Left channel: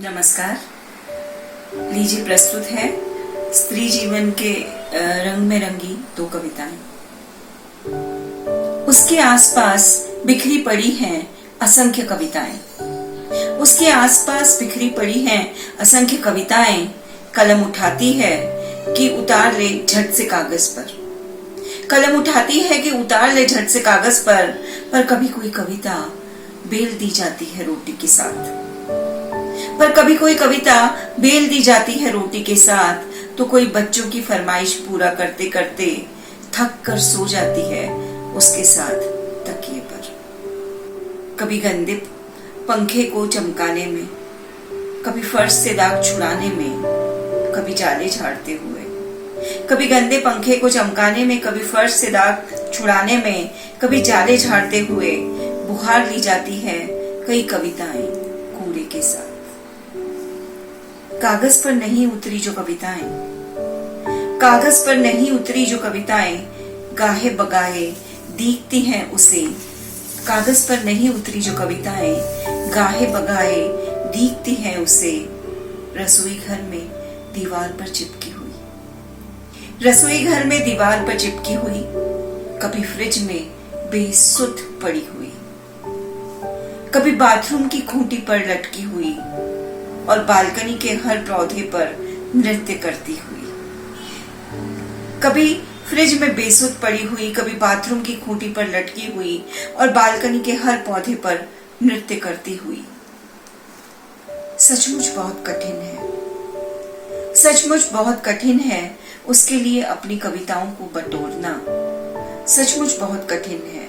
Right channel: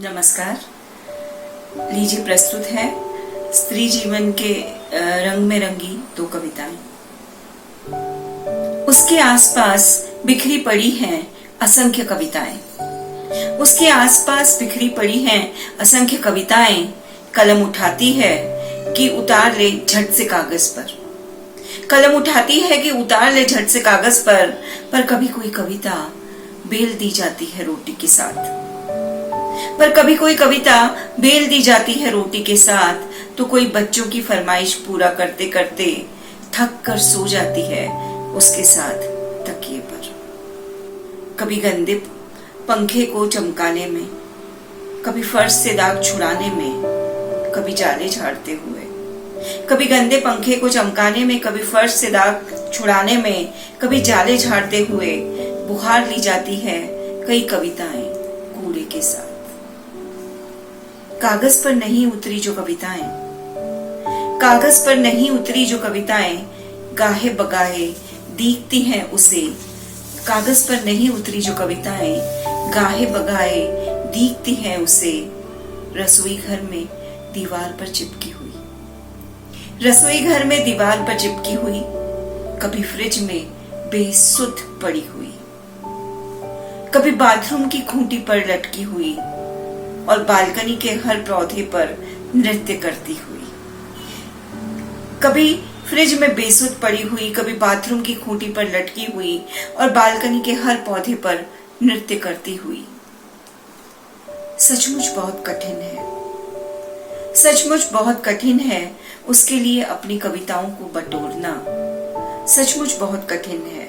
नमस्कार। लीजिए प्रस्तुत है स्त्री जीवन के रंग में रंगी दो कविताएं। उसके आसपास बिखरी पड़ी हैं असंख्य कविताएं। उसके आसपास बिखरी पड़ी हैं असंख्य कविताएं। कलम उठाती है कि उतार ले झट से कागज पर। कलम उठाती है कि उतार ले झट से कागज पर कभी कोई कविता बेल दी जाती है रोटी के साथ। पर कभी कोई कविता बेल दी जाती है रोटी के साथ, तो कोई बच्चों की फरमाइश पूरा करते करते थक कर सो जाती है उसके साथ तकिए पर। कभी गंदे पंखे को चमकाने में, कभी फर्श से दाग छुड़ाने में, कभी जाले झाड़ते हुए। कभी गंदे पंखे को चमकाने में, कभी फर्श से दाग छुड़ाने में, कभी जाले झाड़ते हुए बुहार ली जाती है कई कविताएं कूड़े के साथ। कागज पर नहीं उतरी जो कविताएं, कागज पर नहीं उतरी जो कविताएं गाहे बगाहे दीखती हैं उसे। कागज पर नहीं उतरी जो कविताएं गाहे बगाहे दीखती हैं उसे। रसोई घर में दीवार पर चिपकी हुई, रसोई घर में दीवार पर चिपकी हुई, कभी फ्रिज में बेसुध पड़ी हुई, कभी बाथरूम की खूंटी पर लटकी हुई और बालकनी के हर पौधे पर नृत्य करती हुई। कभी फ्रिज में बेसुध पड़ी हुई, कभी बाथरूम की खूंटी पर लटकी हुई और बालकनी के हर पौधे पर नृत्य करती हुई। सचमुच बहुत कठिन है, सचमुच बहुत कठिन है उसके लिए अपनी कविताओं को बटोरना। सचमुच बहुत कठिन है,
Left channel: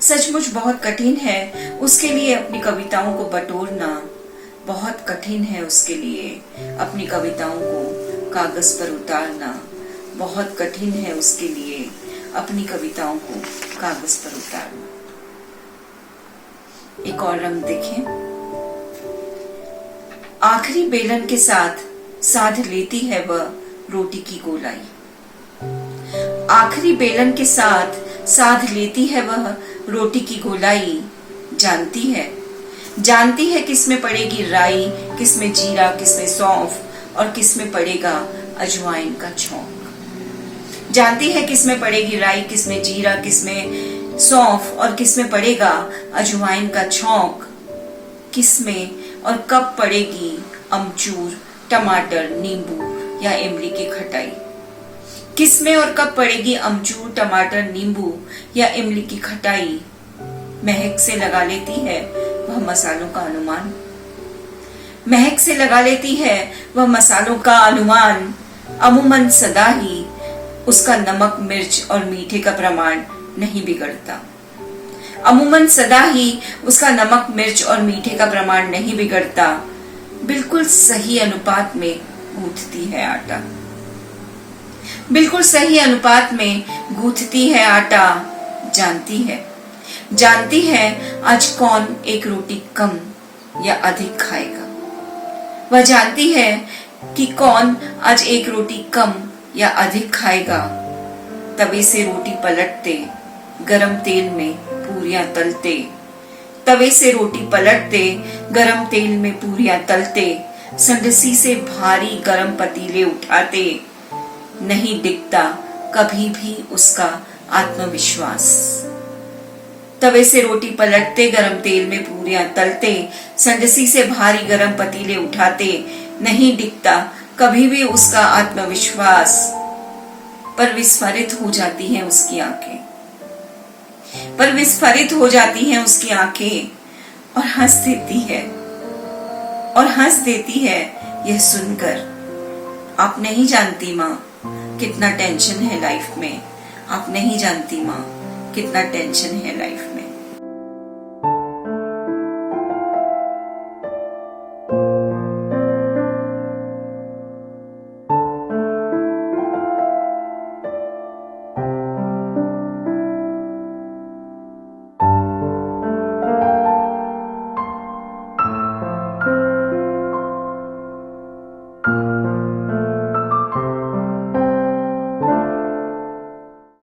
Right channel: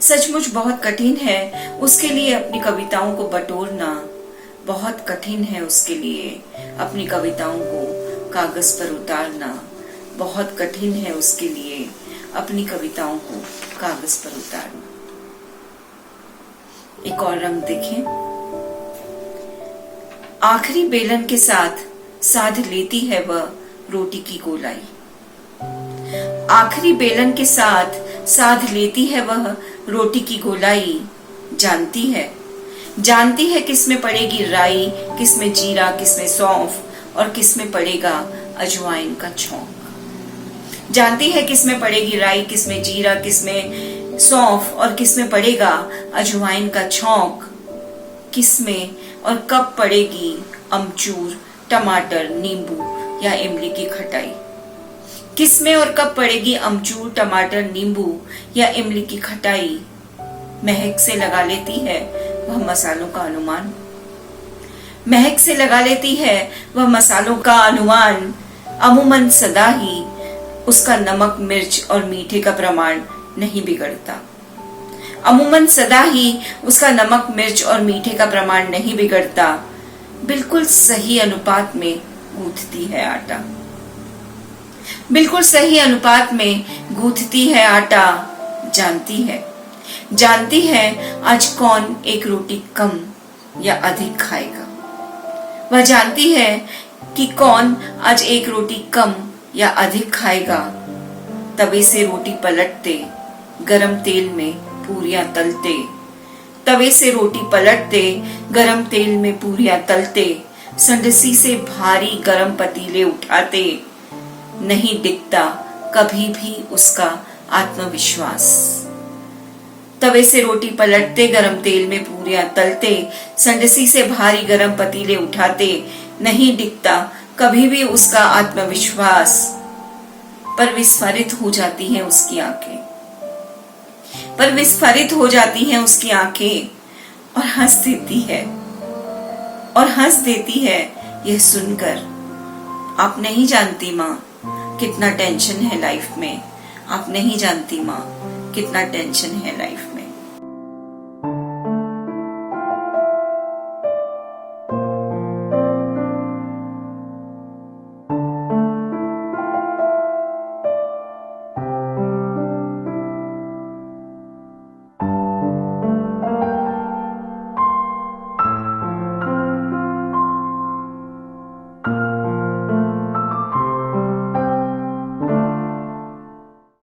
सचमुच बहुत कठिन है उसके लिए अपनी कविताओं को बटोरना। बहुत कठिन है उसके लिए अपनी कविताओं को कागज पर उतारना। बहुत कठिन है उसके लिए अपनी कविताओं को कागज पर उतारना। एक और रंग देखें। आखिरी बेलन के साथ साध लेती है वह रोटी की गोलाई। आखिरी बेलन के साथ साध लेती है वह रोटी की गोलाई। जानती है किसमें पड़ेगी राई, किसमें जीरा, किसमें सौंफ और किसमें पड़ेगा अजवाइन का छौंक। जानती है किसमें पड़ेगी राई, किसमें जीरा, किसमें सौंफ और किसमें पड़ेगा अजवाइन का छौंक। किसमें और कब पड़ेगी अमचूर, टमाटर, नींबू या इमली की खटाई। किसमें और कब पड़ेगी अमचूर, टमाटर, नींबू या इमली की खटाई। महक से लगा लेती है वह मसालों का अनुमान। महक से लगा लेती है वह मसालों का अनुमान। अमूमन सदा ही उसका नमक, मिर्च और मीठे का प्रमाण नहीं बिगड़ता। अमूमन सदा ही उसका नमक, मिर्च और मीठे का प्रमाण नहीं बिगड़ता। बिल्कुल सही अनुपात में गूंथती है आटा। बिल्कुल सही अनुपात में गूंथती है आटा। जानती है आज कौन एक रोटी कम या अधिक खाएगा। वह जानती है कि कौन आज एक रोटी कम या अधिक खाएगा। तवे से रोटी पलटते, गरम तेल में पूरियां तलते। तवे से रोटी पलटते, गरम तेल में पूरियां तलते। संडसी से भारी गरम पतीले उठाते। नहीं दिखता कभी भी उसका आत्मविश्वास। तवे से रोटी पलटते, गरम तेल में पूरियां तलते। संडसी से भारी गरम पतीले उठाते। नहीं दिखता कभी भी उसका आत्मविश्वास। पर विस्फारित हो जाती हैं उसकी आंखें, पर विस्फारित हो जाती हैं उसकी आंखें और हंस देती है यह सुनकर। आप नहीं जानती माँ कितना टेंशन है लाइफ में। आप नहीं जानती माँ कितना टेंशन है लाइफ में।